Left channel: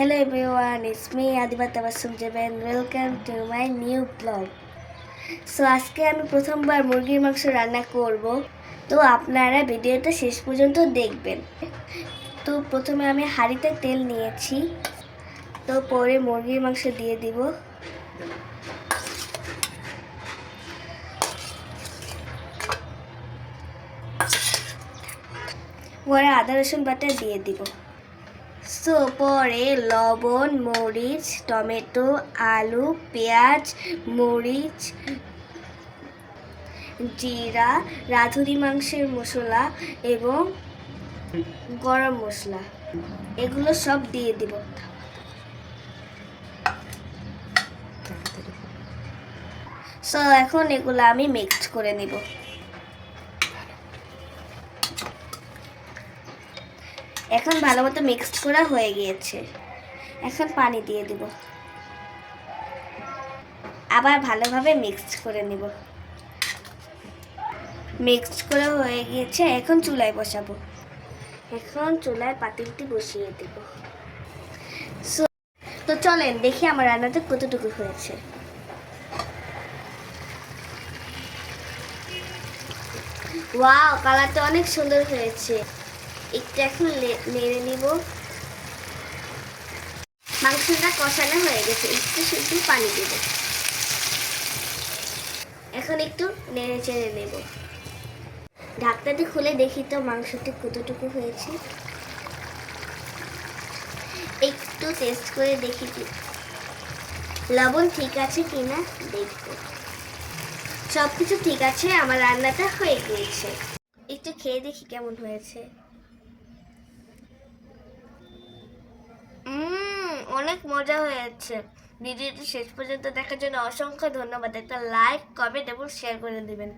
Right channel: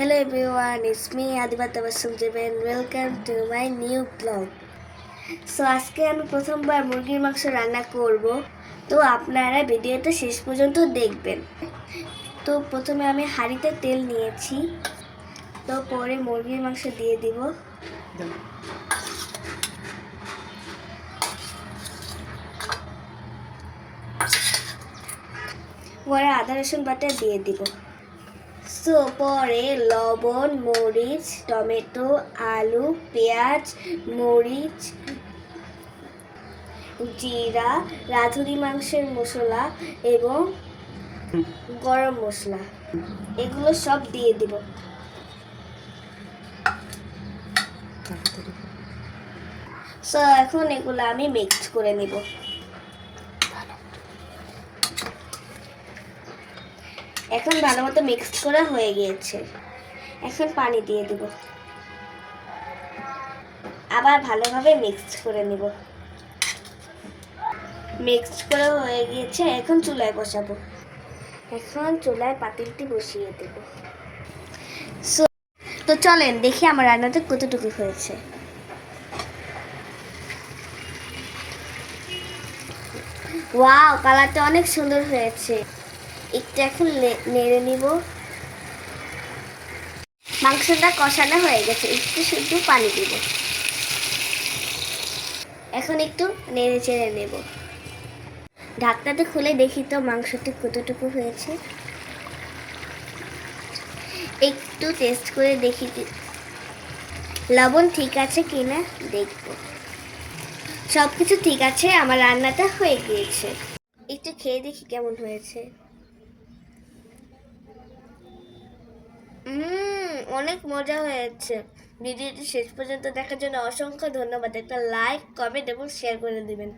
Hello everyone, it's me Adiba Tabassum Jebe and welcome to my new vlog. So আজকে আমি প্রথমবার মুরগির মাংস রান্না করব, তো আপনারা ভিডিওটা শেষ পর্যন্ত দেখবেন। তো প্রথমে আমি হাঁড়িতে তেল নিয়েছি, তো পরে মুরগির মাংস দিয়ে দিব। পরে আদা রসুন বাটা দিয়ে দিব। সো পরে লবণ, মরিচ, টমেটো, আলু, পেঁয়াজ, মরিচ, জিরা, রাঁধুনি মাংসের মশলা এবং গরম মশলা এগুলো সব দিয়ে দিব। সো এখন এগুলো আমি মিক্সড করে নেব। এখন ভালো মতো মিক্সড করা হয়ে গিয়েছে। এখন পানি দিয়ে দেব, আবার ভালোভাবে মিক্সড করে নেব। মিক্সড করে হয়ে গিয়েছে, এখন চুলায় বসাবো। এখন চুলায় পাতিলটি বসিয়ে দেব। তো চলেন দেখি আমার রান্নাতে কতটুকু হয়েছে। ওয়াও, কালারটা অনেক সুন্দর হয়েছে। একটু এখন নেড়ে নিব। মাংসটা কষানো হয়ে গেছে, একটু শুধু পানি দিব। এখন একটু নেড়ে চেড়ে নেব। ঢাকনাটা খুলে দেখি তো মাংসটি কতটুকু হয়েছে। একটু টেস্ট করে দেখি লবণ ঠিক আছে কিনা দেখব। সব কিছু ঠিক আছে, আমার রান্নাটা হয়ে গিয়েছে। একটু খেয়ে দেখি কেমন হয়েছে। অনেক মজা হয়েছে। ভিডিওটি শেষ পর্যন্ত দেখার জন্য অসংখ্য ধন্যবাদ। একটা লাইক, কমেন্ট এবং শেয়ার করে দিবেন।